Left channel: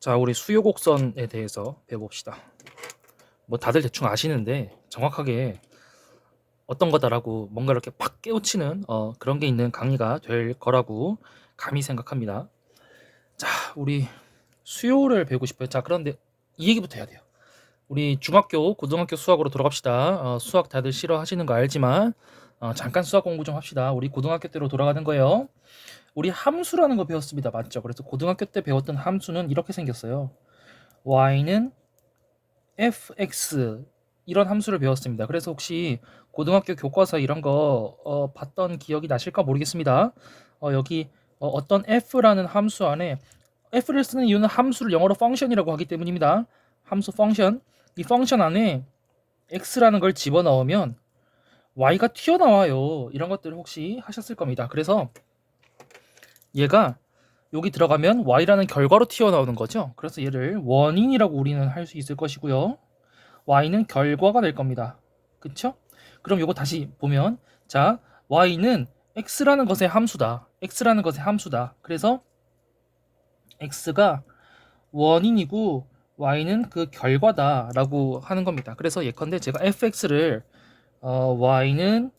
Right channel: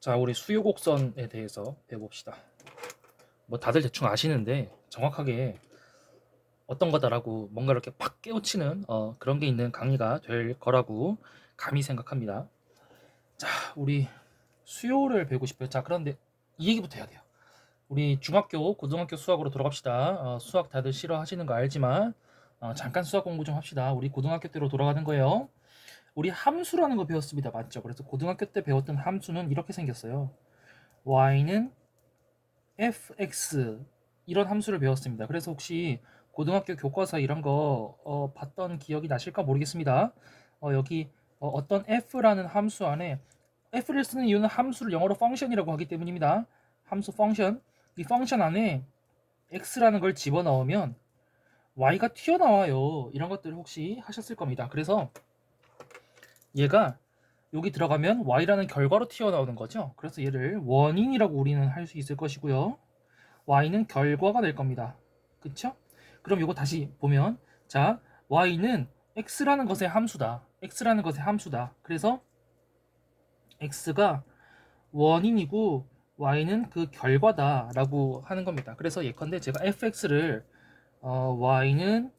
자, 우리 수요 곡선에 대해서 배워봅시다. 뭐 다들 대충 아시는데 정확하게 어떤 거다라고 뭔가 이렇게 팍 깨우치는 그런 게 있는 강의가 될 거라고 감히 생각합니다. 자, 우리 수요를 배우고 싶어요. 자, 그런데 이 얘기부터 해야 돼요. 우리 중학교, 고등학교 수학으로 돌아갑시다. 수학 다들 싫어하시는 거 알지만 잠깐 수학 공부 좀 합시다. 우리 고등학교 때로 돌아가는 거예요. 우리 함수라는 거 배웠습니다. 맞죠? 그래서 고등학교 때 배웠던 함수는 이렇게 생겼어요. y는 fx 이런 함수를 배웠습니다. 그래서 혹시 고등학교 교과서 이런 거 봤던 기억이 나실까 모르겠습니다. 여기 어떤 f라는 함수 안에 f를 쓰는 이유는 함수를 영어로 function이라고 하기 때문입니다. 함수 function, 이 function 안에 x라는 걸 집어넣으면 y가 튀어나와요. 이런 것들을 혹시 하셨을 겁니다. 그래서 얘가 여기 들어가면 y라는 결과로 튀어나오는 거죠. 그래서 얘를 원인이라고 우리는 할 수 있을 것이고요. y는 결과가 될 겁니다. 그쵸? 그럼 이거 다시 보면 자, y는 x라는 것의 함수다. x라는 것의 함수다. 그래서 x가 원인이고 y는 그 결과다라고 하는 겁니다. 그래서 예컨대 제가 fx를 y는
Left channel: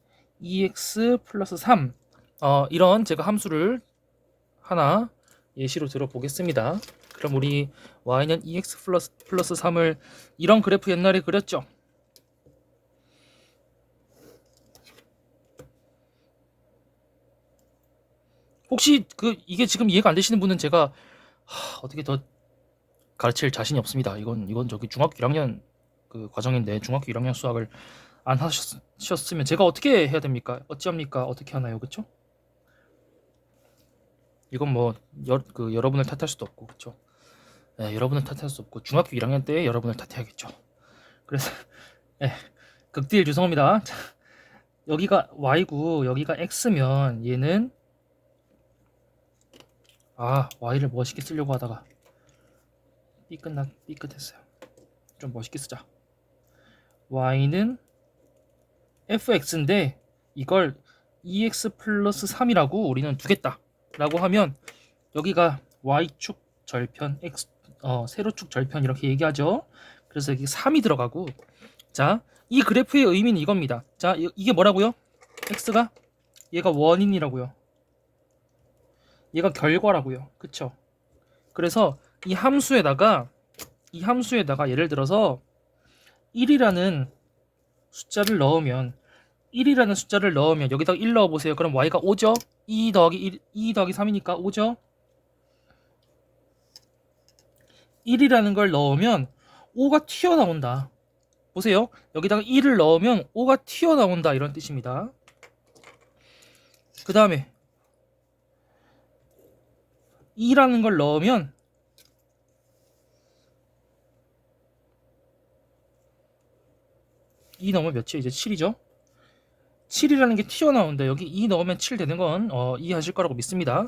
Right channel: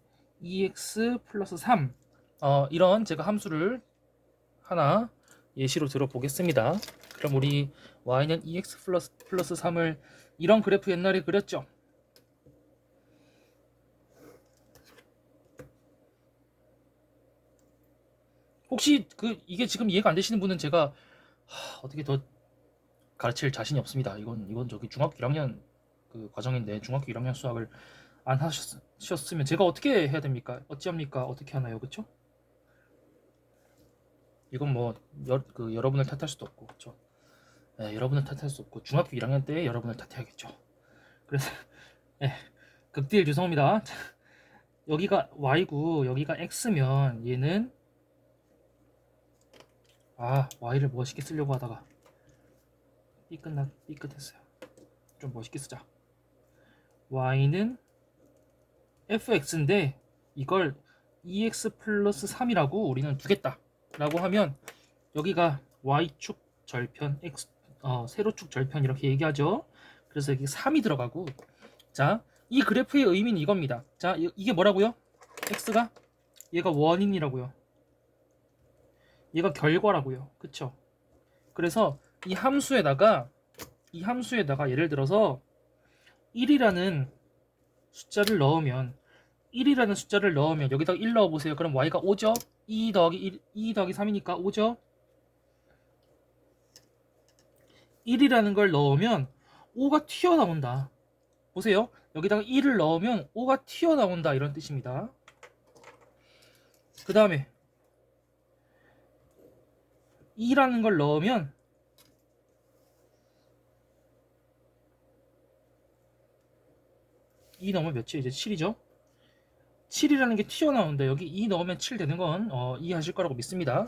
2x 플러스 3 이런 제가 함수를 하나 예시로 들어보겠습니다. 그럼 우리 y는 2x 플러스 3을 이런 그래프 옛날에 그렸죠. 혹시 이게 지금 이해가 안 되시는 분은 제가 어떻게 더 가르칠 자신이 없습니다. 이건 저기 중학교 1학년 그 과정인데 중학교 1학년 수학을 안 하셨으면 제가 어떻게 해야 됩니까? 어찌합니까? 어떻게 하나요? 그쵸? 이건 뭐 여러분을 탓할 수도 없고 그쵸? 네, 여러분을 탓할 수 없고 중학교 1학년 때 여러분을 탓해야겠죠. 그래서 네, 극딜 죄송합니다. 여기가 y고 여기가 x면 얘는 y를 멋있게 쓰려고 하다가 삐끗했어요. 좀 멋있게 쓰자. y는 fx인데 이걸 2x 플러스 3이라고 우리는 두겠다 라고 하면 여기가 y축 절편 x 세로축 절편 이렇게 얘기하죠. 그래서 여기 3이 들어가고 자, 이 그래프의 의미는 이겁니다. 자, 이게 뭐라고요? x가 얘가 원인이라고요. 얘가 결과라고요. 그쵸? 그래서 이 함수에다가 예를 들어서 1이라는 숫자를 넣으면 1이라는 숫자를 넣으면 여기다가 1 넣어보세요. 그럼 y가 5죠? 2 더하기 1, 2 더하기 3이니까 5죠? 1이라는 걸 넣으면 5가 튀어나온다. 보세요. 여기다가 1을 넣으면 5가 튀어나온다. 이런 뜻입니다. 그 다음에 2라는 걸 넣으면 2 넣으면 몇이에요? 이제 7이죠? 7이라는 게 튀어나온다. 여기 2 넣으면 7 되는 건 이해하실 거라고 믿습니다.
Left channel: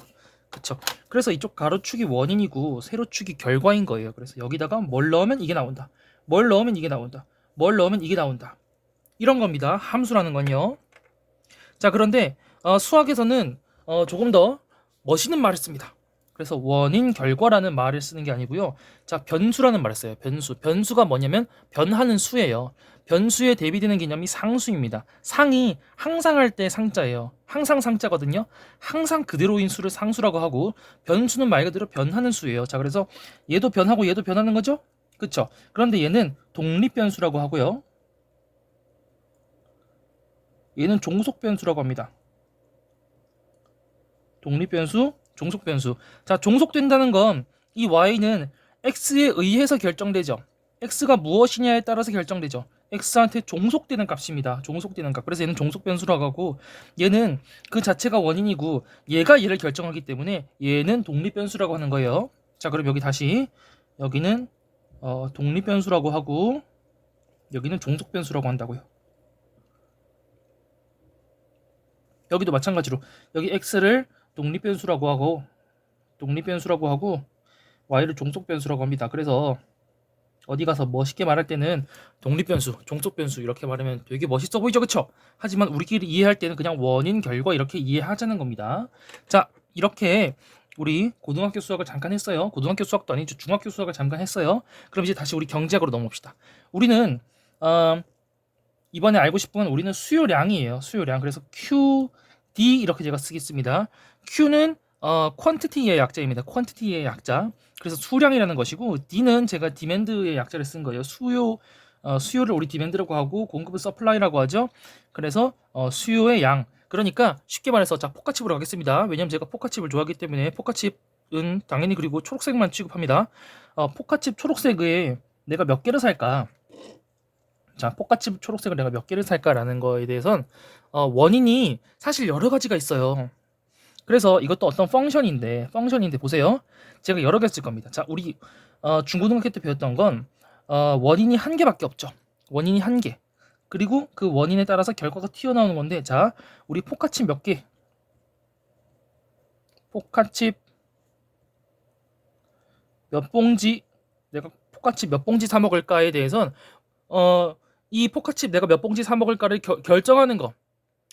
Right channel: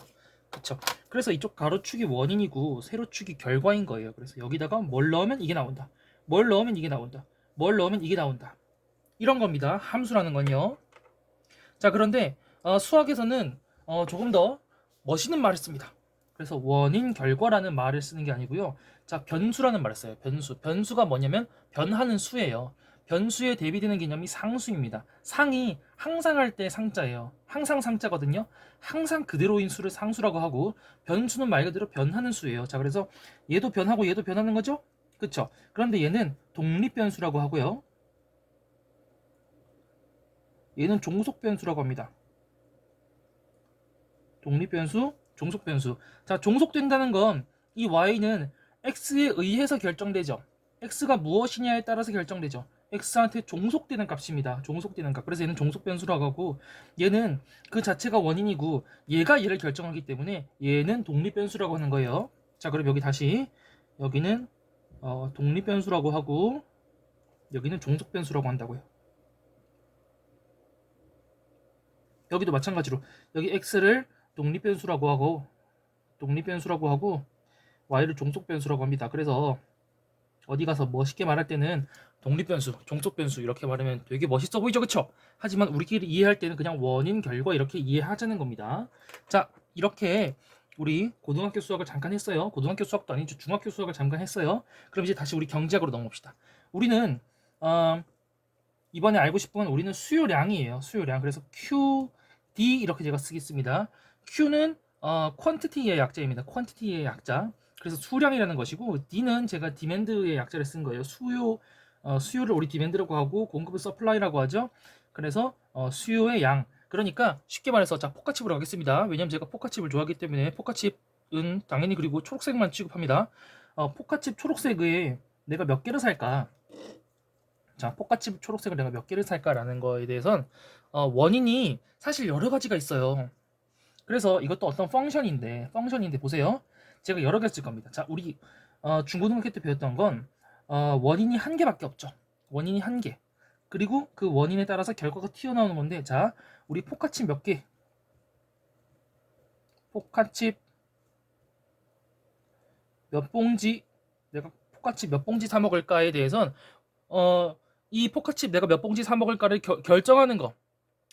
그쵸? 그래서 이쪽 가로축이 원인이고 세로축이 결과인 거예요. 그래서 여기다가 뭘 넣으면 이게 나온다. 뭘 넣으면 이게 나온다. 뭘 넣으면 이게 나온다. 이런 겁니다. 함수라는 건요. 자, 그런데 수학에서는 조금 더 멋있는 말을 씁니다. 그래서 원인 결과라는 말을 쓰는 게 아니고요. 자, 변수라는 말을 써요. 변수가 뭐냐면 변하는 수예요. 변수에 대비되는 개념이 상수입니다. 상이 항상 할 때 상자예요. 항상 상자거든요. 항상 그대로인 수를 상수라고 하고 변수는 말 그대로 변하는 수예요. 자, 그래서 얘도 변하고 얘도 변하는 거죠? 그쵸? 그런데 얘는 독립변수라고 하고요. 얘는 종속변수라고 합니다. 독립변수, 종속변수. 자, 종속된다는 건 이 y는 x에 의해서 결정되죠. x가 무엇이냐에 따라서 결정되죠. x한테 종속되는 값입니다. 종속되는 값. 그래서 얘는 종속변수라고 하고 얘는 그 자체가 원인이고 얘가 얘를 결정하기 때문에 얘는 독립변수라고 하는 거예요. 자, 그럼 여기 다시 여기는 독립변수라고 하고 여기는 종속변수라고 한다고요. 여기도 마찬가지로 여기 x를 독립변수라고 하고 y를 종속변수라고 합니다. 그래서 어디 가서 멋있게 말할 때는 독립변수, 종속변수 이렇게 말하면 되게 멋있어 보이죠, 그쵸? 하지만 우리끼리 이해할 때는 그냥 원인, 결과 이렇게 이해하자는 겁니다. 자, 이렇게 우리 고등학교 수학을 잠깐 했어요. 고등학교 수학도 아니죠. 중학교 수학을 잠깐 했어요. 그럼 이제 다시 우리 경제학으로 넘어옵시다. 우리는 이번에 알고 싶은 건 우리는 수요량이에요. 수요량. 그래서 QD 이렇게 제가 쓰겠습니다. Q는 quantity의 약자입니다. quantity의 약자. 그래서 수량이라는 것이고 D는 제가 demand의 약자를 쓴 거예요. 수요를 우리 demand라고 하고 공급을 supply라고 하죠. 그래서 수요의 양. 그러니까 쉽게 말해서 자 포카칩으로 가겠습니다. 왜냐면 제가 포카칩을 좋아하기 때문에 포카칩은 당연히 그리고 초록색만 취급합니다. 포카칩 초록색에 내가 몇 개를 살까? 자, 포카칩 초록색을 내가 몇 개를 살까라는 거에 대해선 원인이 사실 여러 가지가 있어요. 그래서 이것도 어떤 펑션인데 보세요. 제가 여러 개 쓸 겁니다. 자, 우리 중고등학교 때 배웠던 건 원인이 한 개밖에 없죠. 원인이 한 개. 그리고 그 원인에 따라서 결과가 튀어나오는 건데 자, 우리 포카칩 몇 개? 포카칩 몇 봉지? 내가 포카칩 몇 봉지 사 먹을까에 대해선 이 포카칩 내가 몇 봉지 사 먹을까를 결정하는 거.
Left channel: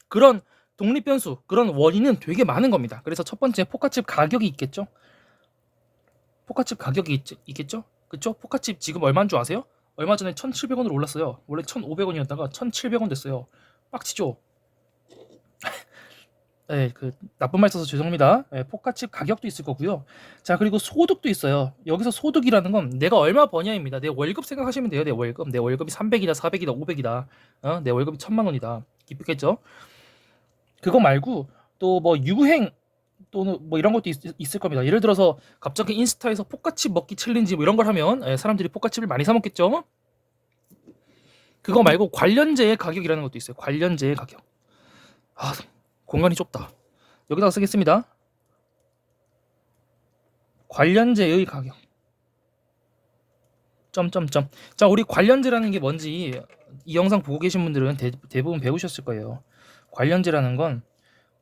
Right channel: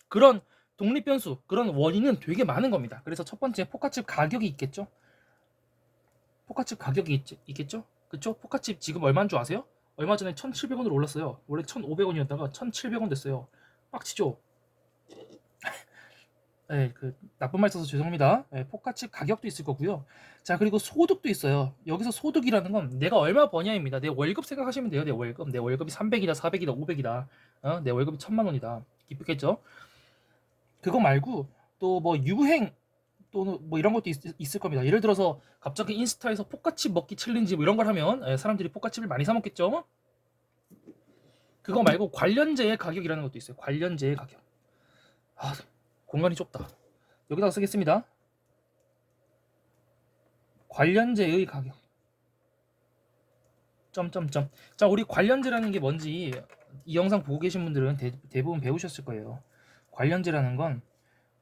그런 독립 변수, 그런 원인은 되게 많은 겁니다. 그래서 첫 번째 포카칩 가격이 있겠죠. 포카칩 가격이 있겠죠. 그쵸? 포카칩 지금 얼마인 줄 아세요? 얼마 전에 1,700원으로 올랐어요. 원래 1,500원이었다가 1,700원 됐어요. 빡치죠? 네, 그 나쁜 말 써서 죄송합니다. 네, 포카칩 가격도 있을 거고요. 자, 그리고 소득도 있어요. 여기서 소득이라는 건 내가 얼마 버냐입니다. 내 월급 생각하시면 돼요. 내 월급. 내 월급이 300이다, 400이다, 500이다. 내 월급이 1,000만 원이다. 기쁘겠죠? 그거 말고 또 뭐 유행 또는 뭐 이런 것도 있을 겁니다. 예를 들어서 갑자기 인스타에서 포카칩 먹기 챌린지 뭐 이런 걸 하면 사람들이 포카칩을 많이 사 먹겠죠? 그거 말고 관련제의 가격이라는 것도 있어요. 관련제의 가격. 공간이 좁다. 여기다가 쓰겠습니다. 관련제의 가격. 점점점. 자, 우리 관련제라는 게 뭔지 이 영상 보고 계신 분들은 대부분 배우셨을 거예요. 관련제라는 건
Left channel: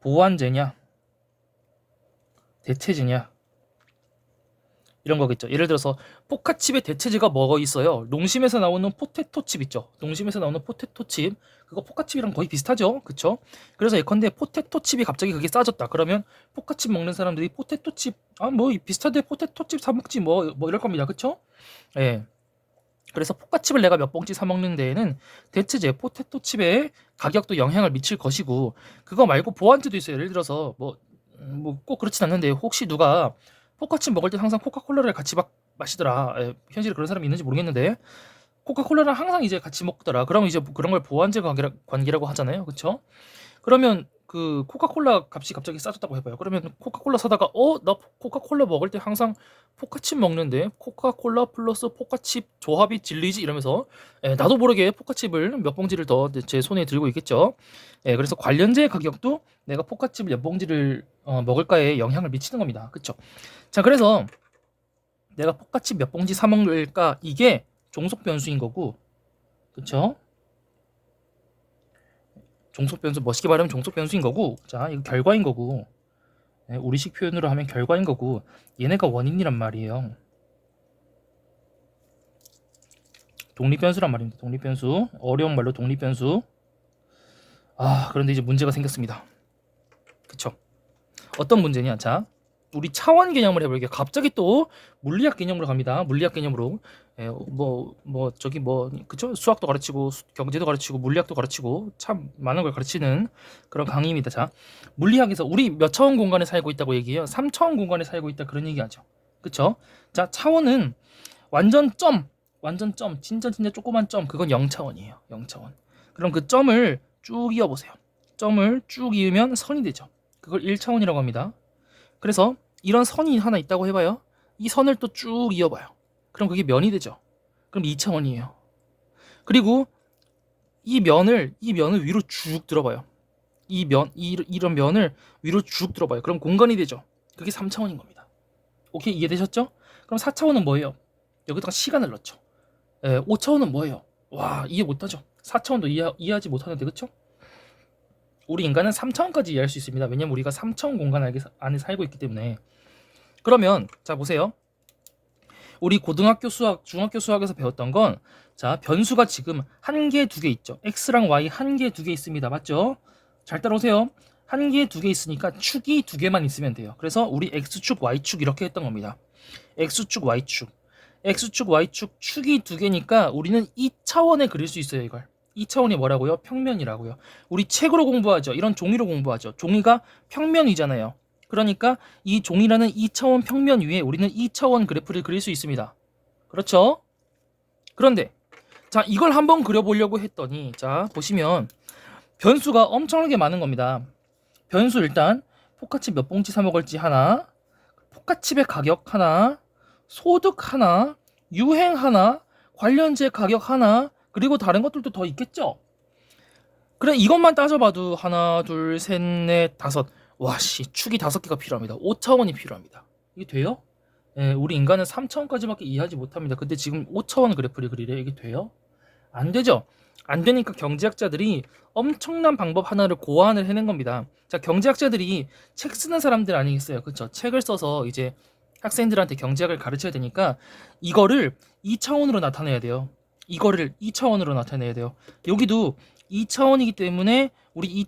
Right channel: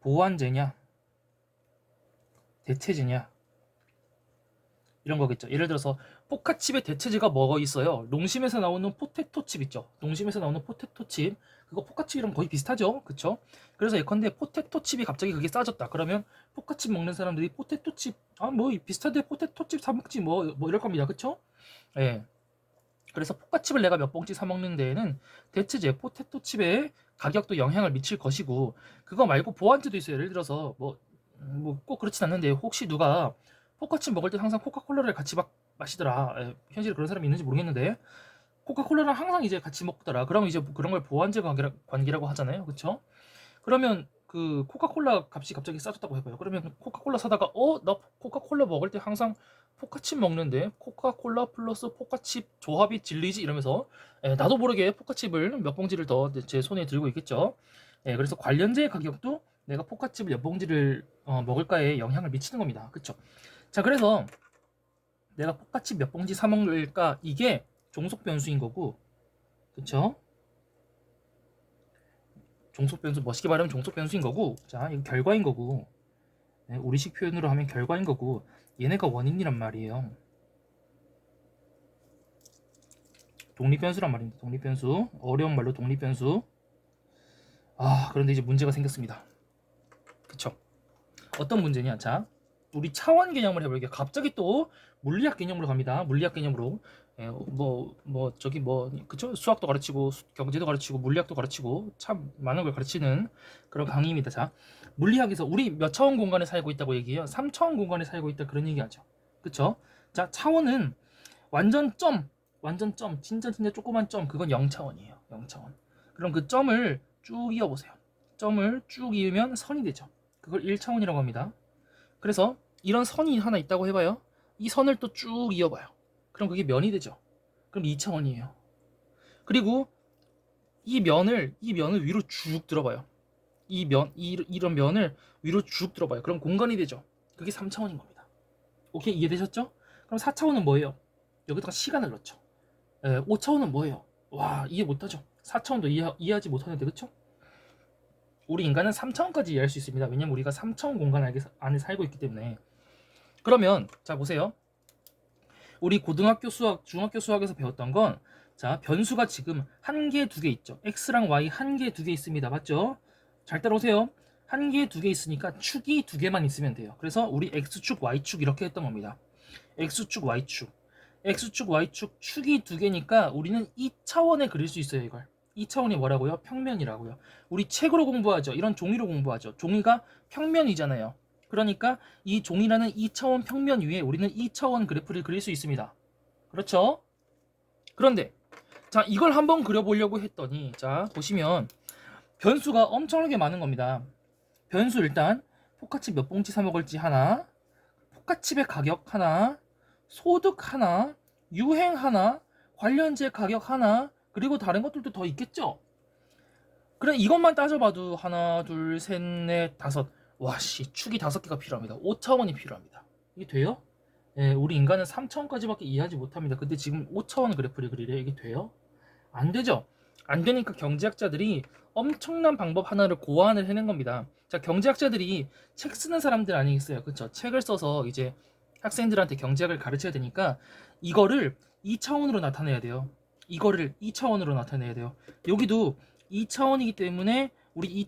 보완제냐, 대체제냐 이런 거겠죠. 예를 들어서 포카칩의 대체제가 뭐가 있어요? 농심에서 나오는 포테토칩 있죠. 농심에서 나오는 포테토칩 그거 포카칩이랑 거의 비슷하죠. 그쵸? 그래서 예컨대 포테토칩이 갑자기 그게 싸졌다. 그러면 포카칩 먹는 사람들이 포테토칩 뭐 비슷한데 포테토칩 사 먹지 뭐 이럴 겁니다. 그쵸? 예. 그래서 포카칩을 내가 몇 봉지 사 먹는 데에는 대체제 포테토칩의 가격도 영향을 미칠 것이고 그거 말고 보완제도 있어요. 예를 들어서 뭐 꼭 그렇진 않는데 혹시 누가 포카칩 먹을 때 항상 코카콜라를 같이 마시더라. 현실에 그런 사람이 있는지 모르겠는데 코카콜라를 항상 이제 같이 먹더라. 그러면 이제 그런 걸 보완제 관계라고 하잖아요. 그렇죠? 그러면 그 코카콜라 값이 갑자기 싸졌다고 해봐요. 그러면 코카콜라 사다가 나 코카콜라 먹을 때 항상 포카칩 먹는데 코카콜라 플러스 포카칩 조합이 진리지 이러면서 나도 모르게 포카칩을 몇 봉지를 더 제 손에 들고 있겠죠. 그래서 관련제 가격도 내가 포카칩을 몇 봉지를 먹을까에 영향을 미치는 겁니다. 그쵸? 자, 그래서 내가 포카칩 몇 봉지 사 먹을까 이게 종속 변수인 거고, 그쵸? 종속 변수 멋있게 말하면 종속 변수인 거고, 자 이거 결과인 거고, 우리식 표현으로 하면 결과인 거고, 얘네가 원인이란 말이에요. 독립 변수란 말입니다. 독립 변수, 어려운 말로 독립 변수. 그런데 이제 문제가 생겼습니다. 그쵸? 어떤 문제냐? 자, 우리 차원 개념을 해볼게요. 갑자기 또 물리학 개념으로 갑니다. 물리학 개념으로. 그쵸? 수학도 가르치고 경제도 가르치고 물리학도 가르치고 참 많은 걸 가르치는 그런 강의입니다. 자, 물리학에서 우리 몇 차원 공간에 살고 있다고 얘기해요. 3차원 공간에 살고 있다 그런 얘기하죠. 그쵸? 자, 차원은 완전 점, 진짜 조그만 점, 그건 0차원이에요. 0차원. 그럼 그 점을 쭉 이어보세요. 점을 쭉 이으면 선이 되죠. 그걸 1차원이라고 합니다. 그래서 이런 선이 하나 있다고 해봐요. 이 선을 또 쭉 이어봐요. 그럼 그게 면이 되죠. 그럼 2차원이에요. 그리고 이 면을 위로 쭉 들어봐요. 이런 면을 위로 쭉 들어봐요. 그럼 공간이 되죠. 그게 3차원인 겁니다. 오케이, 이해되셨죠? 그럼 4차원은 뭐예요? 여기다가 시간을 넣죠. 5차원은 뭐예요? 와, 이해 못하죠. 4차원도 이해하지 못하는데, 그쵸? 우리 인간은 3차원까지 이해할 수 있습니다. 왜냐면 우리가 3차원 공간 안에 살고 있기 때문에. 그러면 자 보세요. 우리 고등학교 수학, 중학교 수학에서 배웠던 건 자, 변수가 지금 한 개, 두 개 있죠. x랑 y 한 개, 두 개 있습니다. 맞죠? 잘 따라오세요. 한 개, 두 개 있으니까 축이 두 개만 있으면 돼요. 그래서 우리 x축, y축 이렇게 했던 겁니다. x축, y축. x축, y축 축이 두 개니까 우리는 2차원에 그릴 수 있어요, 이걸. 2차원이 뭐라고요? 평면이라고요. 우리 책으로 공부하죠. 이런 종이로 공부하죠. 종이가 평면이잖아요. 그러니까 이 종이라는 2차원 평면 위에 우리는 2차원 그래프를 그릴 수 있습니다. 그렇죠? 그런데 자, 이걸 한번 그려보려고 했더니 자, 보시면 변수가 엄청나게 많은 겁니다. 변수 일단 포카칩 몇 봉지 사 먹을지 하나, 포카칩의 가격 하나, 소득 하나, 유행 하나, 관련제 가격 하나, 그리고 다른 것들도 더 있겠죠? 그래, 이것만 따져봐도 하나, 둘, 셋, 넷, 다섯. 와, 씨, 축이 5개가 필요합니다. 5차원이 필요합니다. 이게 돼요? 예, 우리 인간은 3차원까지밖에 이해하지 못합니다. 근데 지금 5차원 그래프를 그리래. 이게 돼요? 안 되죠? 안 되니까 경제학자들이 엄청난 방법 하나를 고안을 해낸 겁니다. 자, 경제학자들이 책 쓰는 사람들 아니겠어요? 그렇죠? 책을 써서 이제 학생들한테 경제학을 가르쳐야 되니까 이거를 2차원으로 나타내야 돼요. 이거를 2차원으로 나타내야 돼요. 여기도 2차원이기 때문에 우리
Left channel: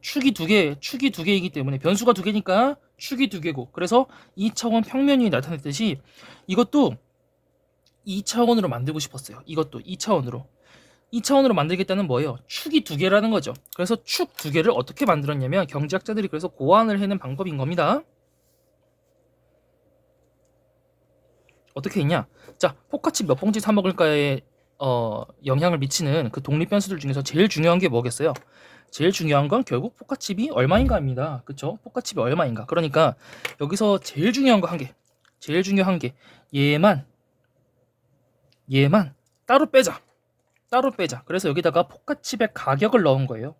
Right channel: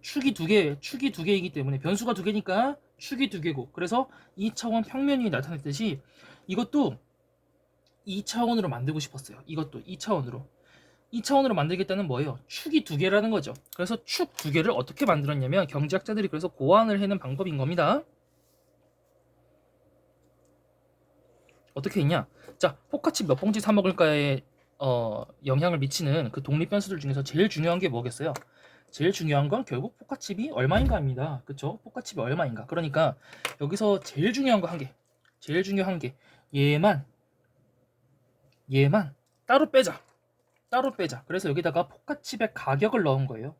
축이 두 개이기 때문에 변수가 두 개니까 축이 두 개고, 그래서 2차원 평면이 나타냈듯이 이것도 2차원으로 만들고 싶었어요. 이것도 2차원으로. 2차원으로 만들겠다는 뭐예요? 축이 두 개라는 거죠. 그래서 축 두 개를 어떻게 만들었냐면 경제학자들이 그래서 고안을 해낸 방법인 겁니다. 어떻게 했냐? 자, 포카칩 몇 봉지 사 먹을까에 영향을 미치는 그 독립 변수들 중에서 제일 중요한 게 뭐겠어요? 제일 중요한 건 결국 포카칩이 얼마인가입니다. 그쵸? 포카칩이 얼마인가. 그러니까 여기서 제일 중요한 거 한 개. 제일 중요한 게 얘만 따로 빼자. 따로 빼자. 그래서 여기다가 포카칩의 가격을 넣은 거예요.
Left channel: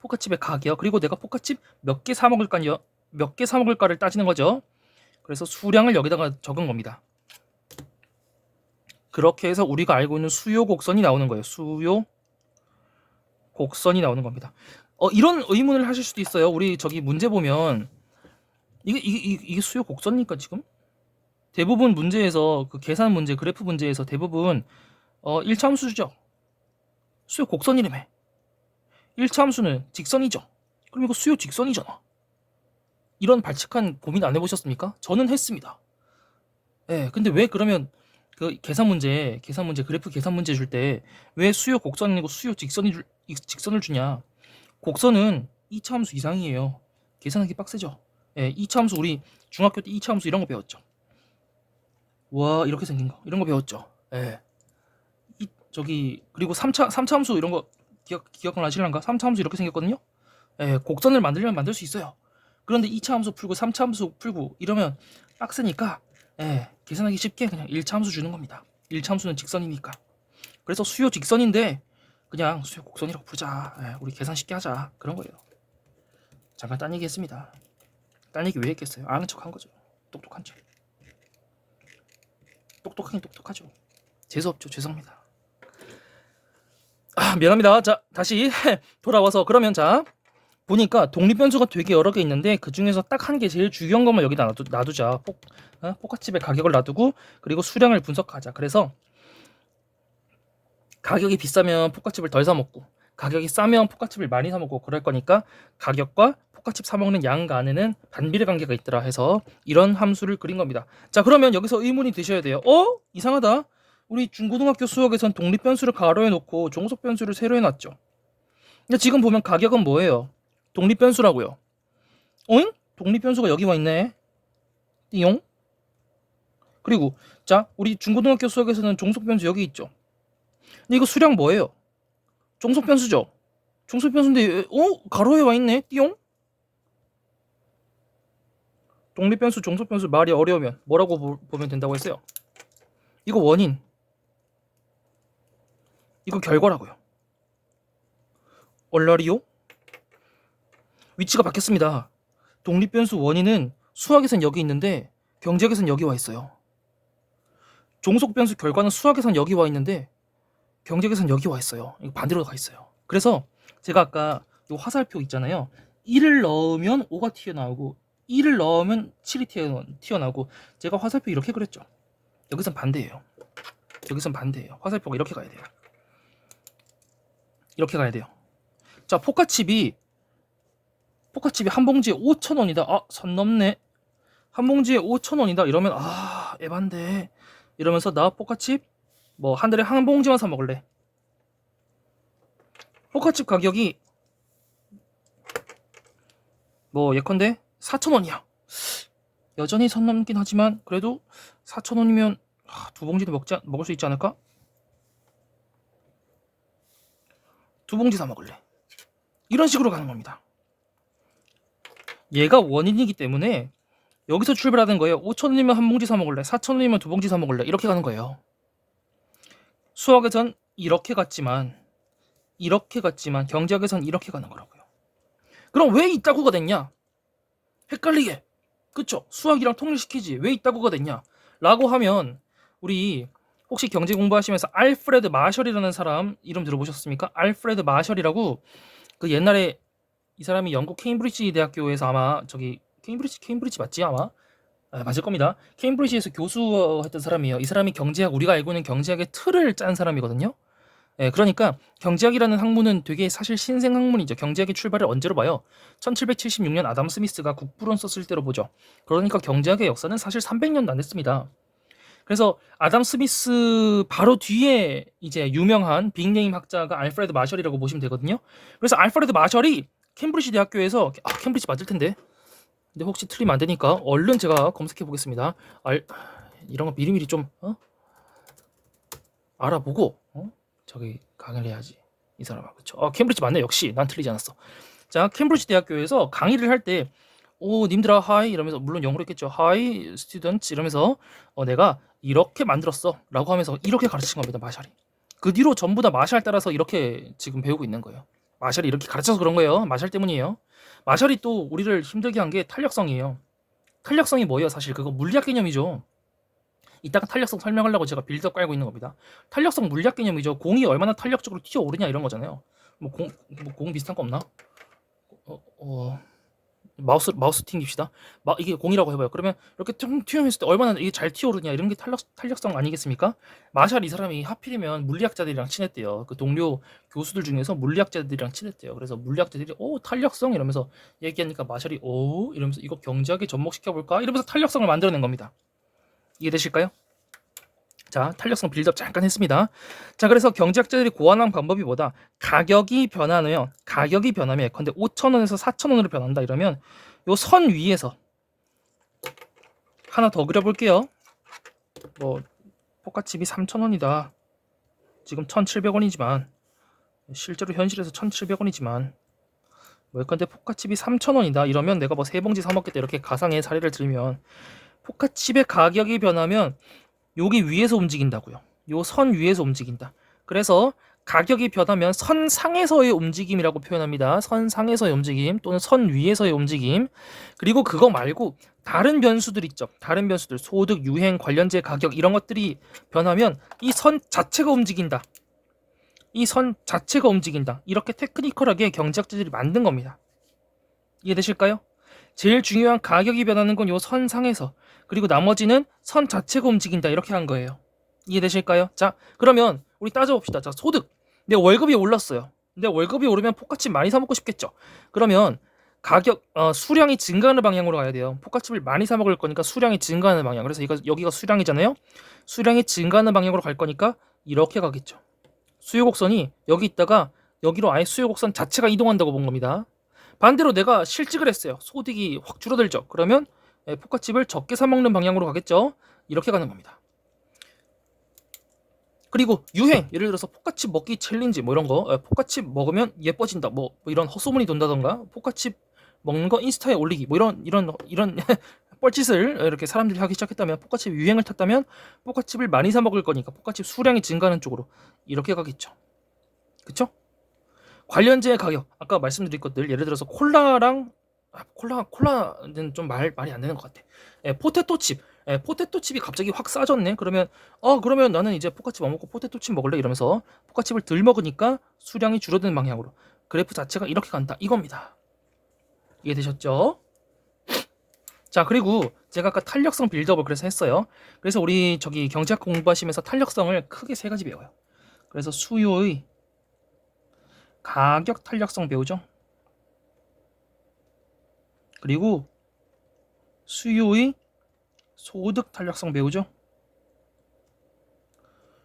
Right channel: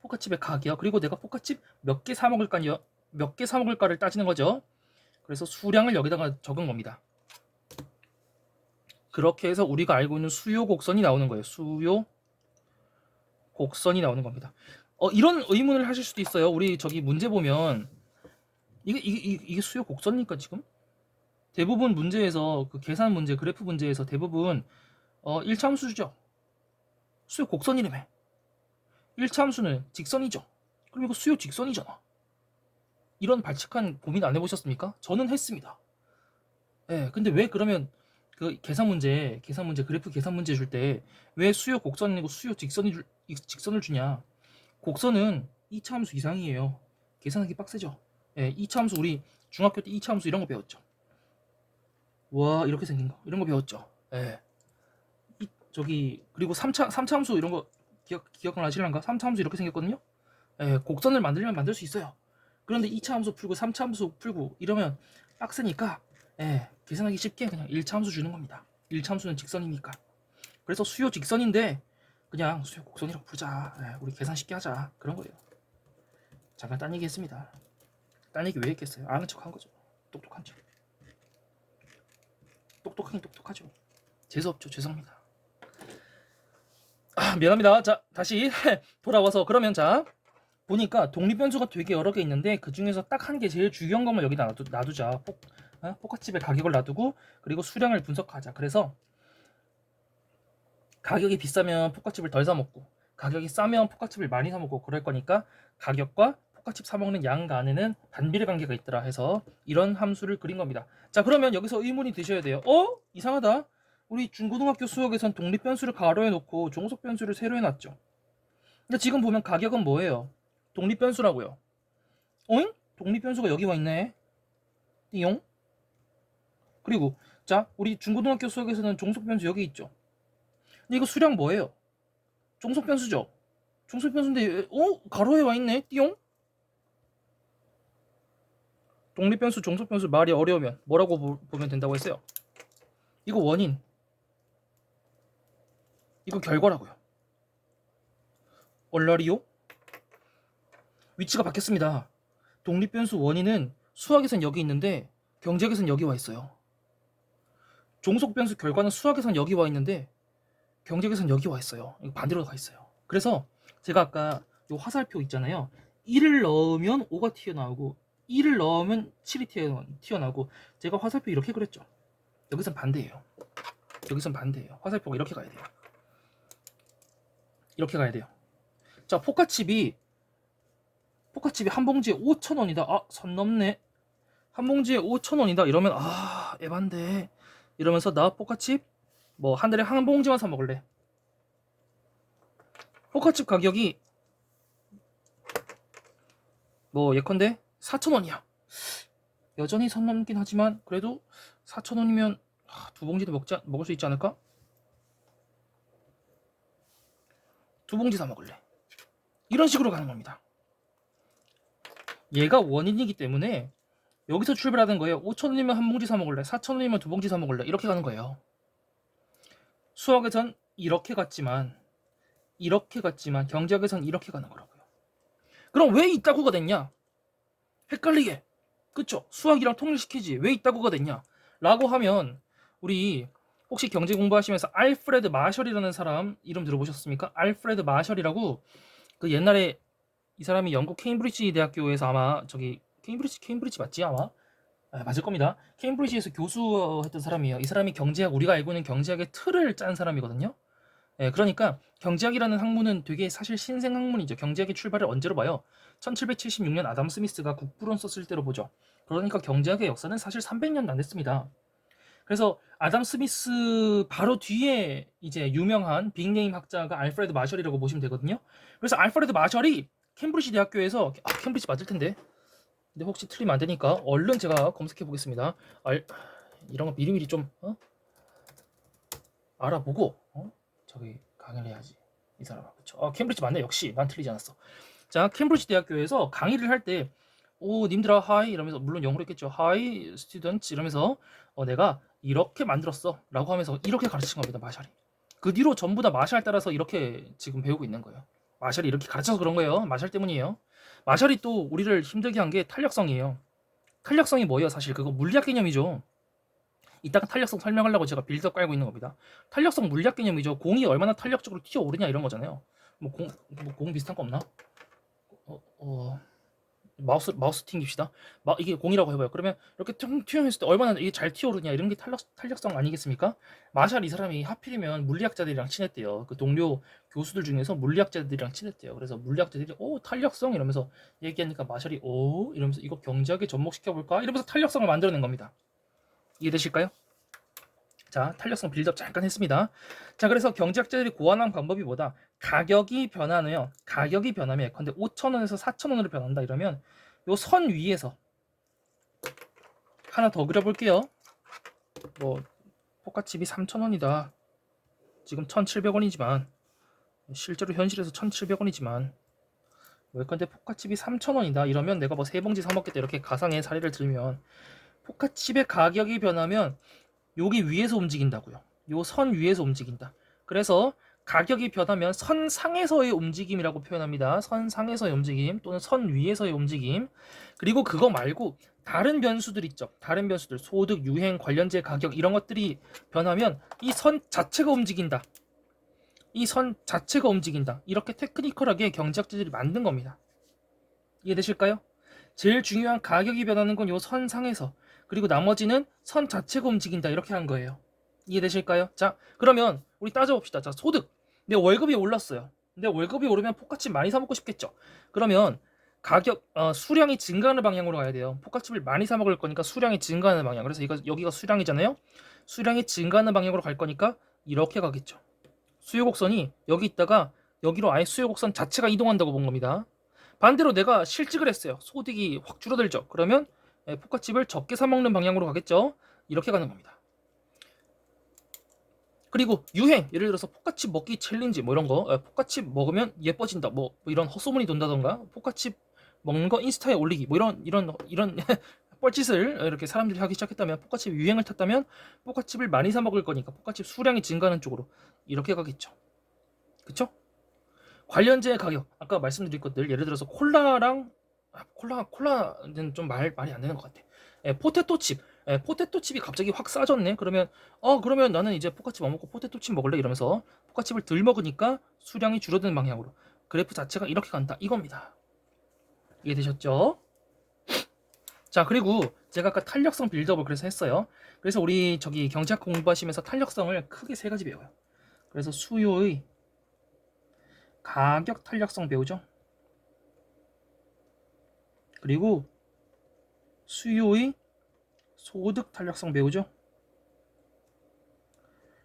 포카칩의 가격. 그리고 내가 포카칩 몇 개 사 먹을까요? 몇 개 사 먹을까를 따지는 거죠. 그래서 수량을 여기다가 적은 겁니다. 그렇게 해서 우리가 알고 있는 수요 곡선이 나오는 거예요. 수요 곡선이 나오는 겁니다. 이런 의문을 하실 수도 있어요. 우리 저기 문제 보면 이게 수요 곡선입니까 지금? 대부분 문제에서 그 계산 문제, 그래프 문제에서 대부분 1차 함수죠. 수요 곡선이라며. 1차 함수는 직선이죠. 그럼 이거 수요 직선이잖아. 이런 발칙한 고민 안 해보셨습니까? 저는 했습니다. 예, 근데 왜 그러면 그 계산 문제, 그래프 계산 문제 줄 때 왜 수요 곡선이고 수요 직선을 주냐? 곡선은 2차 함수 이상이에요. 계산하기 빡세죠. 예, 2차 함수 우리 중학교 때 2차 함수 이런 거 배웠죠. 와, 이렇게 생긴 거 이런 거 배웠죠. 예. 그리고 3차 함수 이런 거 기억나시는가? 3차 함수 이렇게 생겼거든요. 예, 곡선을 만들려면 만들 수 있어요. 그런데 2차 함수 풀고 3차 함수 풀고 이러면 빡세니까 계산하기 쉽게 그냥 1차 함수 주는 겁니다. 1차 함수는 직선이니까. 그래서 수요 직선인데 그냥 수요 곡선이라고 부르자. 우리 계산 쉽게 하자. 그런 거예요. 잠깐 딴 얘기 했습니다. 딴 얘기 왜 했겠어요? 아는 척 한 거죠. 똑똑한 척. 똑똑하긴 똑똑하죠. 재수없죠. 죄송합니다. 미안합니다. 자, 다시 돌아와서 그러면 자, 보니까 독립 변수가 되게 여러 개 있는데 그 중에서 딱 한 개 제일 중요한 것만 여기다 놔두자. 포카칩의 가격을 놔두고 그리고 수량을 분석하자. 그래서 가격이 비싸면 포카칩을 덜 사 먹고 가격이 싸면 포카칩을 많이 사 먹고 그럴 거니까 가격과 포카칩 사 먹는 양 간에는 반비례 관계가 있더라 해서 이런 함수를 그린 겁니다. 자, 그러면 여기서 의문이 드셔야 돼요. 이상하다. 우리 중고등학교 수학에선 독립 변수를 가로해 놓고 종속 변수를 세로 해 놨죠. 근데 지금 보면 가격은 뭐예요? 독립 변수라고요. 어잉? 독립 변수가 여기 와 있네. 띠용. 그리고 자, 우리 중고등학교 수학에서는 종속 변수 여기 있죠. 근데 이거 수량 뭐예요? 종속 변수죠. 종속 변수인데 가로에 와 있네. 띠용. 독립 변수, 종속 변수 말이 어려우면 뭐라고 보면 된다고 했어요? 이거 원인. 이거 결과라고요. 얼라리요? 위치가 바뀌었습니다. 독립 변수 원인은 수학에선 여기 있는데 경제학에선 여기 와 있어요. 종속 변수 결과는 수학에선 여기 와 있는데 경제학에선 여기 와 있어요. 이거 반대로 가 있어요. 그래서 제가 아까 이 화살표 있잖아요. 1을 넣으면 5가 튀어나오고 1을 넣으면 7이 튀어나오고 제가 화살표 이렇게 그렸죠. 여기선 반대예요. 여기선 반대예요. 화살표가 이렇게 가야 돼요. 이렇게 가야 돼요. 자, 포카칩이 포카칩이 한 봉지에 5,000원이다. 아, 선 넘네. 한 봉지에 5,000원이다. 이러면 에반데. 이러면서 나 포카칩 뭐 한 달에 한 봉지만 사 먹을래. 포카칩 가격이 뭐 예컨대 4,000원이야. 여전히 선 넘긴 하지만 그래도 4,000원이면 두 봉지도 먹을 수 있지 않을까? 두 봉지 사 먹을래. 이런 식으로 가는 겁니다. 얘가 원인이기 때문에 여기서 출발하는 거예요. 5,000원이면 한 봉지 사 먹을래. 4,000원이면 두 봉지 사 먹을래. 이렇게 가는 거예요. 수학에선 이렇게 갔지만 경제학에선 이렇게 가는 거라고요. 그럼 왜 이따구가 됐냐? 헷갈리게. 그쵸? 수학이랑 통일시키지. 왜 이따구가 됐냐? 라고 하면 우리 혹시 경제 공부하시면서 알프레드 마셜이라는 사람 이름 들어보셨습니까? 알프레드 마셜이라고 그 옛날에 이 사람이 영국 케임브리지 대학교에서 아마 저기 케임브리지 맞지 아마? 맞을 겁니다. 케임브리지에서 교수했던 사람이에요. 이 사람이 경제학 우리가 알고 있는 경제학의 틀을 짠 사람이거든요. 그러니까 경제학이라는 학문은 되게 사실 신생 학문이죠. 경제학의 출발을 언제로 봐요? 1776년 아담 스미스가 국부론 썼을 때로 보죠. 그러니까 경제학의 역사는 사실 300년도 안 됐습니다. 그래서 아담 스미스 바로 뒤에 이제 유명한 빅네임 학자가 알프레드 마셜이라고 보시면 되거든요. 그래서 알프레드 마셜이 캠브리지 대학교에서 캠브리지 맞을 텐데. 근데 혹시 틀리면 안 되니까 얼른 제가 검색해 보겠습니다. 이런 거 미리미리 좀 알아보고 저기 강의를 해야지 이 사람아. 그쵸? 캠브리지 맞네. 역시 난 틀리지 않았어. 자, 캠브리지 대학교에서 강의를 할 때 님들아 하이 이러면서 물론 영어로 했겠죠. 하이 스튜던트 이러면서 내가 이렇게 만들었어 라고 하면서 이렇게 가르친 겁니다. 마샬이. 그 뒤로 전부 다 마샬 따라서 이렇게 지금 배우고 있는 거예요. 마샬이 이렇게 가르쳐서 그런 거예요. 마샬 때문이에요. 마샬이 또 우리를 힘들게 한 게 탄력성이에요. 탄력성이 뭐예요? 사실 그거 물리학 개념이죠. 이따가 탄력성 설명하려고 제가 빌드업 깔고 있는 겁니다. 탄력성 물리학 개념이죠. 공이 얼마나 탄력적으로 튀어오르냐 이런 거잖아요. 공 비슷한 거 없나? 마우스 튕깁시다. 이게 공이라고 해봐요. 그러면 이렇게 튀어했을 때 얼마나 이게 잘 튀어오르냐 이런 게 탄력성 아니겠습니까? 마샬 이 사람이 하필이면 물리학자들이랑 친했대요. 그 동료 교수들 중에서 물리학자들이랑 친했대요. 그래서 물리학자들이 탄력성 이러면서 얘기하니까 마샬이 이러면서 이거 경제학에 접목시켜 볼까 이러면서 탄력성을 만들어낸 겁니다. 이해되실까요? 자, 탄력성 빌드업 잠깐 했습니다. 자, 그래서 경제학자들이 고안한 방법이 뭐다? 가격이 변하면 예컨대 5,000원에서 4,000원으로 변한다 이러면 요 선 위에서 하나 더 그려볼게요. 뭐 포카칩이 3,000원이다. 지금 1,700원이지만 실제로 현실에서 1,700원이지만 예컨대 포카칩이 3,000원이다 이러면 내가 뭐 3봉지 사 먹겠다 이렇게 가상의 사례를 들면 포카칩의 가격이 변하면 여기 위에서 움직인다고요. 요 선 위에서 움직인다. 그래서 가격이 변하면 선 상에서의 움직임이라고 표현합니다. 선 상에서의 움직임 또는 선 위에서의 움직임. 그리고 그거 말고 다른 변수들 있죠. 다른 변수들 소득, 유행, 관련제 가격 이런 것들이 변하면 이 선 자체가 움직인다. 이 선 자체가 움직인다. 이렇게 테크니컬하게 경제학자들이 만든 겁니다. 이해되실까요? 제일 중요한 가격이 변하는 건 요 선 상에서 그리고 나머지는 선 자체가 움직인다 이렇게 한 거예요. 이해되실까요? 자, 그러면 우리 따져봅시다. 자, 소득. 내 월급이 올랐어요. 내 월급이 오르면 포카칩 많이 사 먹고 싶겠죠. 그러면 가격 수량이 증가하는 방향으로 가야 돼요. 포카칩을 많이 사 먹을 거니까 수량이 증가하는 방향. 그래서 여기가 수량이잖아요. 수량이 증가하는 방향으로 갈 거니까 이렇게 가겠죠. 수요 곡선이 여기 있다가 여기로 아예 수요 곡선 자체가 이동한다고 본 겁니다. 반대로 내가 실직을 했어요. 소득이 확 줄어들죠. 그러면 포카칩을 적게 사 먹는 방향으로 가겠죠. 이렇게 가는 겁니다. 그리고 유행, 예를 들어서 포카칩 먹기 챌린지 뭐 이런 거, 포카칩 먹으면 예뻐진다 뭐 이런 헛소문이 돈다던가, 포카칩 먹는 거 인스타에 올리기 뭐 이런 뻘짓을 이렇게 사람들이 하기 시작했다면, 포카칩 유행을 탔다면 포카칩을 많이 사 먹을 거니까 포카칩 수량이 증가하는 쪽으로 이렇게 가겠죠. 그쵸? 관련제 가격, 아까 말씀드린 것들, 예를 들어서 콜라는 좀 말이 안 되는 것 같아. 포테토칩, 포테토칩이 갑자기 확 싸졌네. 그러면 나는 이제 포카칩 안 먹고 포테토칩 먹을래 이러면서 포카칩을 덜 먹으니까 수량이 줄어드는 방향으로 그래프 자체가 이렇게 간다 이겁니다. 이해되셨죠? 자, 그리고 제가 아까 탄력성 빌드업을 그래서 했어요. 그래서 우리 저기 경제학 공부하시면서 탄력성을 크게 세 가지 배워요. 그래서 수요의 가격 탄력성 배우죠. 그리고 수요의 소득 탄력성 배우죠.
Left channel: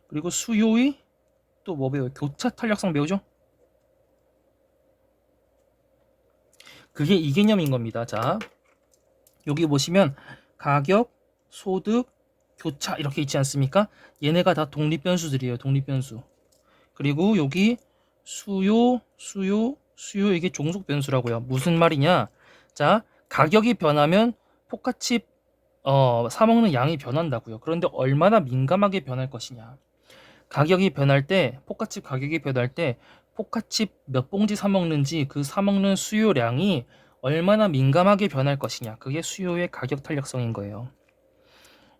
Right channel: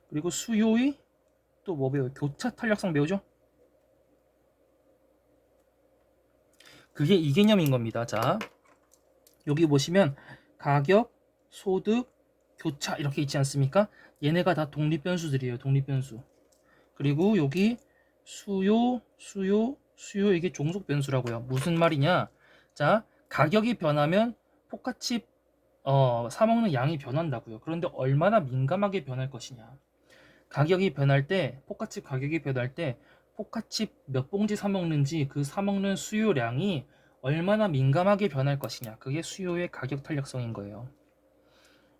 그리고 수요의 또 뭐 배워요? 교차 탄력성 배우죠. 그게 이 개념인 겁니다. 자, 여기 보시면 가격, 소득, 교차 이렇게 있지 않습니까? 얘네가 다 독립변수들이에요. 독립변수. 그리고 여기 수요 이게 종속변수라고요. 무슨 말이냐? 자, 가격이 변하면 포카칩 사 먹는 양이 변한다고요. 그런데 얼마나 민감하게 변할 것이냐? 가격이 변할 때 포카칩 가격이 변할 때 포카칩 몇 봉지 사 먹는지 그 사 먹는 수요량이 얼마나 민감하게 변할 것이냐. 그게 수요의 가격 탄력성인 거예요.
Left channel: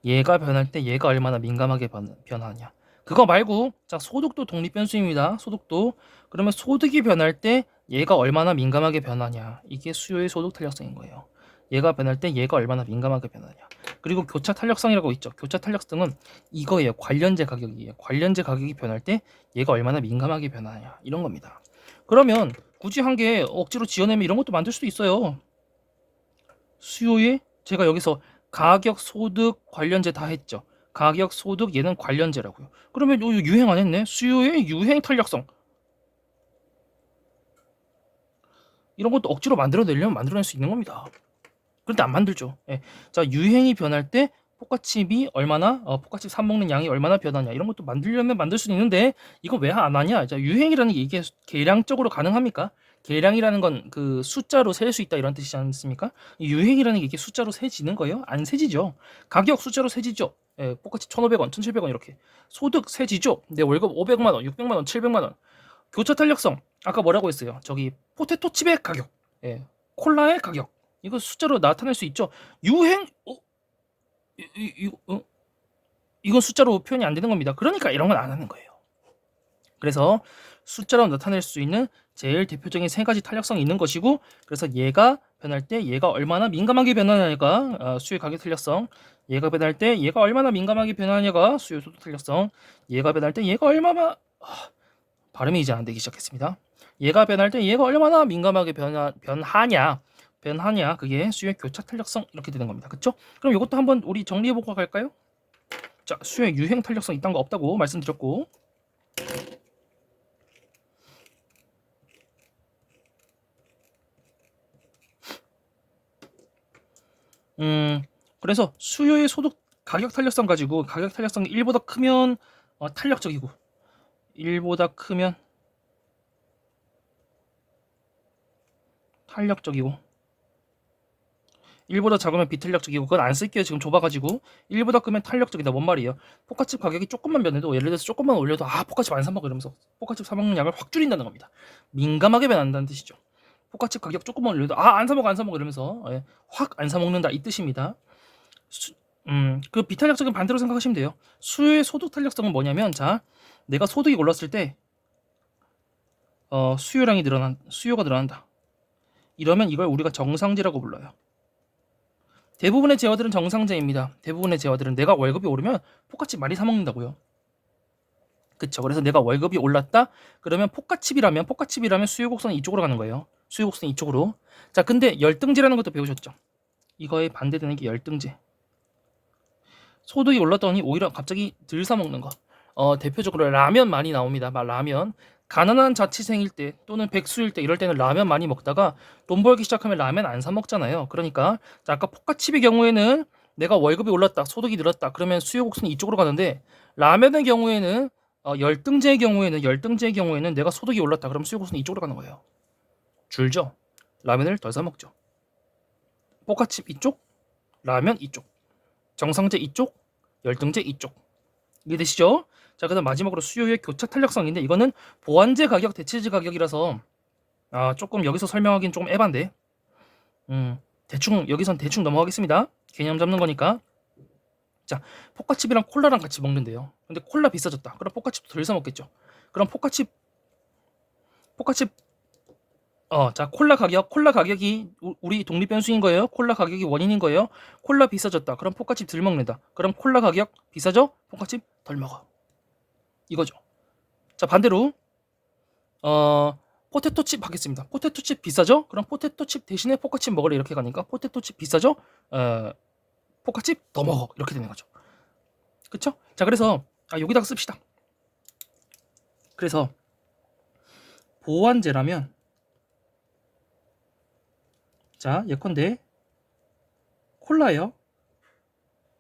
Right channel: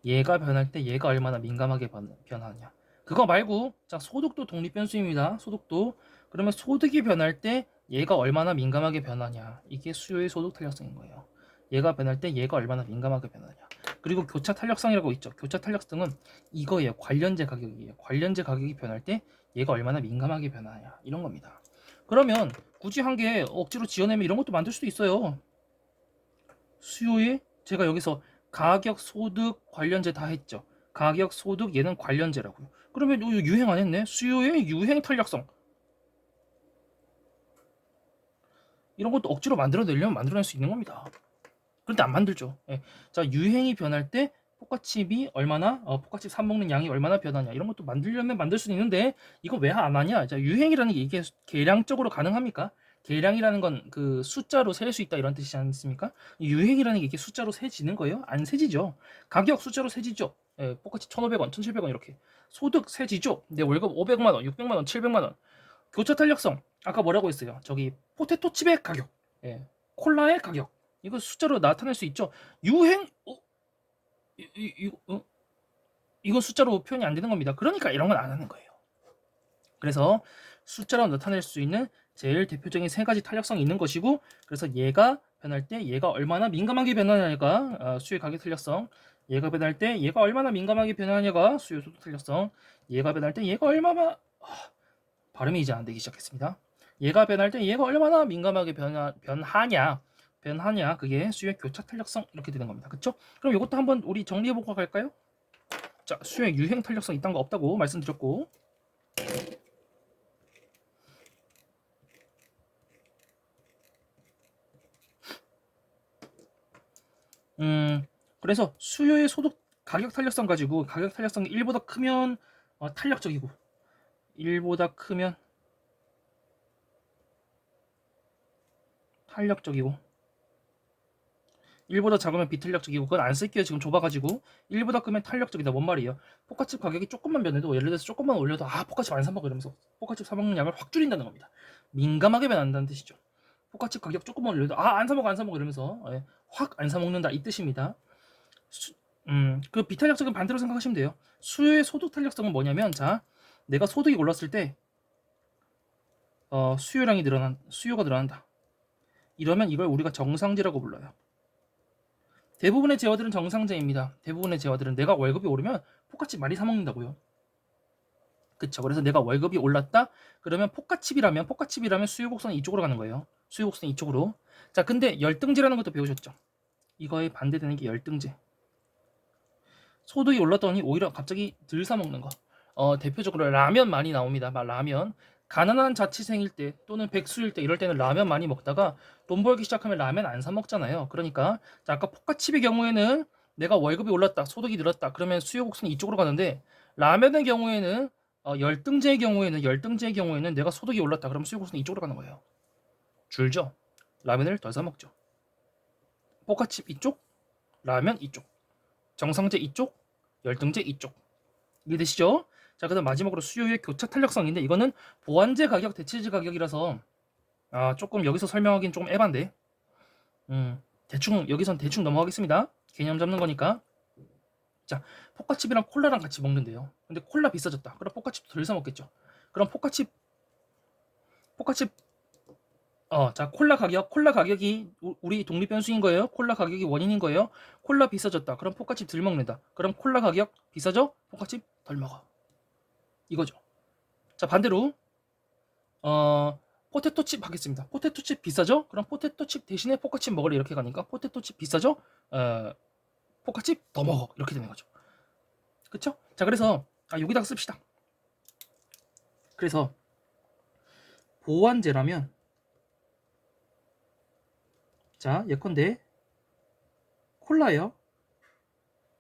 얘가 변할 때 얘가 얼마나 민감하게 변하냐. 그거 말고 자, 소득도 독립변수입니다. 소득도. 그러면 소득이 변할 때 얘가 얼마나 민감하게 변하냐. 이게 수요의 소득 탄력성인 거예요. 얘가 변할 때 얘가 얼마나 민감하게 변하냐. 그리고 교차 탄력성이라고 있죠. 교차 탄력성은 이거예요. 관련제 가격이에요. 관련제 가격이 변할 때 얘가 얼마나 민감하게 변하냐. 이런 겁니다. 그러면 굳이 한 개 억지로 지어내면 이런 것도 만들 수도 있어요. 수요의 제가 여기서 가격, 소득, 관련제 다 했죠. 가격, 소득 얘는 관련제라고요. 그러면 이거 유행 안 했네. 수요의 유행 탄력성. 이런 것도 억지로 만들어내려면 만들어낼 수 있는 겁니다. 그런데 안 만들죠. 예. 자, 유행이 변할 때 포카칩이 얼마나 포카칩 사 먹는 양이 얼마나 변하냐 이런 것도 만들려면 만들 수 있는데 이거 왜 안 하냐? 자, 유행이라는 게 이게 계량적으로 가능합니까? 계량이라는 건 그 숫자로 셀 수 있다 이런 뜻이지 않습니까? 유행이라는 게 이게 숫자로 세지는 거예요? 안 세지죠. 가격 숫자로 세지죠. 예, 포카칩 1,500원, 1,700원 이렇게. 소득 세지죠. 내 월급 500만 원, 600만 원, 700만 원. 교차 탄력성 아까 뭐라고 했어요? 저기 포테토 칩의 가격, 예, 콜라의 가격 이거 숫자로 나타낼 수 있죠. 유행 이건 숫자로 표현이 안 되는 겁니다. 그러니까 이런 건 안 하는 거예요. 그래서 숫자로 나타낼 수 있는 제일 대표적인 세 가지 탄력성이 있는 것이고 그래서 얘가 변할 때 얘가 얼마나 민감하게 변하냐가 수요 가격 탄력성 얘가 변할 때 얘가 얼마나 민감하게 변하냐가 수요 소득 탄력성 얘가 변할 때 얘가 얼마나 발음이 이제 안 되기 시작했습니다. 얘가 변할 때 얘가 얼마나 민감하게 변하냐 그게 수요의 교차 탄력성 이렇게 되는 겁니다. 그렇죠? 그럼 이것도 한번 우리 정리해 보고 갈까요? 자, 수요의 유행 탄력성 이딴 거 없다고 말씀드렸고 그래서 수요의 소득 가격 탄력성 가지고 가격 탄력성이 1보다 크면 탄력적이고 1보다 크면 탄력적이고 1보다 작으면 비탄력적이고 그건 안 쓸게요. 지금 좁아가지고 1보다 크면 탄력적이다. 뭔 말이에요? 포카칩 가격이 조금만 변해도 예를 들어서 조금만 올려도 포카칩 안 사먹어 이러면서 포카칩 사먹는 양을 확 줄인다는 겁니다. 민감하게 변한다는 뜻이죠. 포카칩 가격 조금만 올려도 안 사먹어 이러면서 확 안 사먹는다 이 뜻입니다. 그 비탄력적인 반대로 생각하시면 돼요. 수요의 소득 탄력성은 뭐냐면 자 내가 소득이 올랐을 때 수요가 늘어난다. 이러면 이걸 우리가 정상제라고 불러요. 대부분의 재화들은 정상제입니다. 대부분의 재화들은 내가 월급이 오르면 포카칩 많이 사 먹는다고요. 그쵸? 그래서 내가 월급이 올랐다. 그러면 포카칩이라면 수요 곡선이 이쪽으로 가는 거예요. 수요 곡선이 이쪽으로. 자, 근데 열등제라는 것도 배우셨죠? 이거에 반대되는 게 열등제. 소득이 올랐더니 오히려 갑자기 덜 사 먹는 거. 대표적으로 라면 많이 나옵니다. 라면. 가난한 자취생일 때 또는 백수일 때 이럴 때는 라면 많이 먹다가 돈 벌기 시작하면 라면 안 사 먹잖아요. 그러니까 자, 아까 포카칩의 경우에는 내가 월급이 올랐다, 소득이 늘었다. 그러면 수요 곡선이 이쪽으로 가는데 라면의 경우에는 열등제의 경우에는 내가 소득이 올랐다. 그러면 수요 곡선이 이쪽으로 가는 거예요. 줄죠. 라면을 덜 사 먹죠. 포카칩 이쪽, 라면 이쪽, 정상제 이쪽, 열등제 이쪽. 이해되시죠? 자, 그다음 마지막으로 수요의 교차 탄력성인데 이거는 보완제 가격, 대체제 가격이라서 조금 여기서 설명하기는 조금 에반데 여기선 대충 넘어가겠습니다. 개념 잡는 거니까. 자, 포카칩이랑 콜라랑 같이 먹는데요. 근데 콜라 비싸졌다. 그럼 포카칩 덜 사 먹겠죠. 그럼 포카칩 자, 콜라 가격이 우리 독립 변수인 거예요. 콜라 가격이 원인인 거예요. 콜라 비싸졌다. 그럼 포카칩 덜 먹는다. 그럼 콜라 가격 비싸져? 포카칩 덜 먹어. 이거죠. 자, 반대로 포테토 칩 하겠습니다. 포테토 칩 비싸죠? 그럼 포테토 칩 대신에 포카칩 먹으래 이렇게 가니까 포테토 칩 비싸죠? 포카칩 더 먹어 이렇게 되는 거죠. 그쵸? 자, 그래서 여기다가 씁시다. 그래서 보완제라면, 자, 예컨대 콜라예요.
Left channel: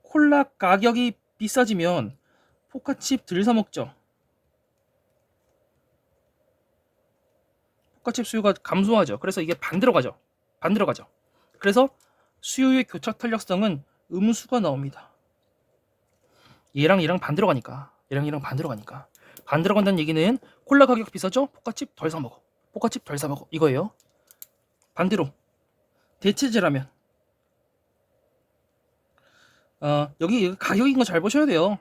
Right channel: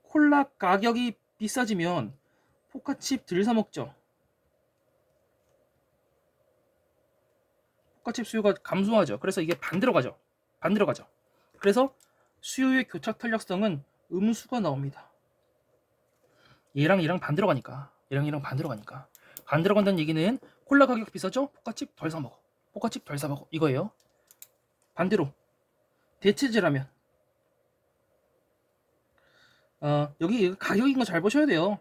콜라 가격이 비싸지면 포카칩 덜 사 먹죠. 포카칩 수요가 감소하죠. 그래서 이게 반대로 가죠. 반대로 가죠. 그래서 수요의 교착 탄력성은 음수가 나옵니다. 얘랑 얘랑 반대로 가니까. 얘랑 얘랑 반대로 가니까. 반대로 간다는 얘기는 콜라 가격 비싸죠? 포카칩 덜 사 먹어. 포카칩 덜 사 먹어. 이거예요. 반대로 대체제라면, 여기 가격인 거 잘 보셔야 돼요.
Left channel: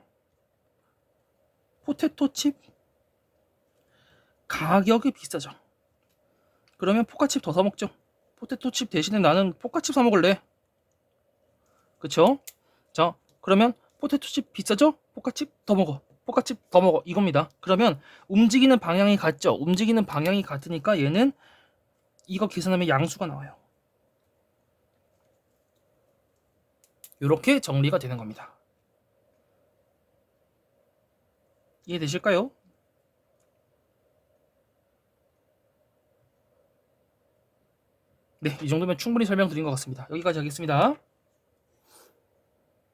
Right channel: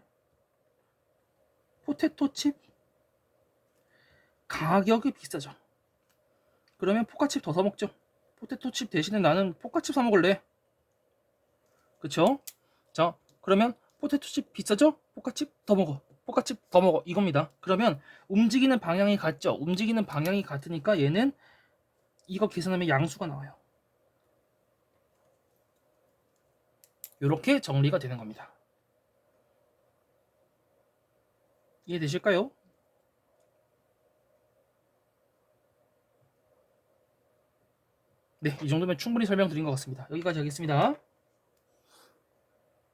포테토 칩 가격이 비싸죠. 그러면 포카칩 더 사 먹죠. 포테토 칩 대신에 나는 포카칩 사 먹을래. 그쵸? 자, 그러면 포테토 칩 비싸죠? 포카칩 더 먹어. 포카칩 더 먹어. 이겁니다. 그러면 움직이는 방향이 같죠? 움직이는 방향이 같으니까 얘는 이거 계산하면 양수가 나와요. 이렇게 정리가 되는 겁니다. 이해되실까요? 네, 이 정도면 충분히 설명드린 것 같습니다. 여기까지 하겠습니다.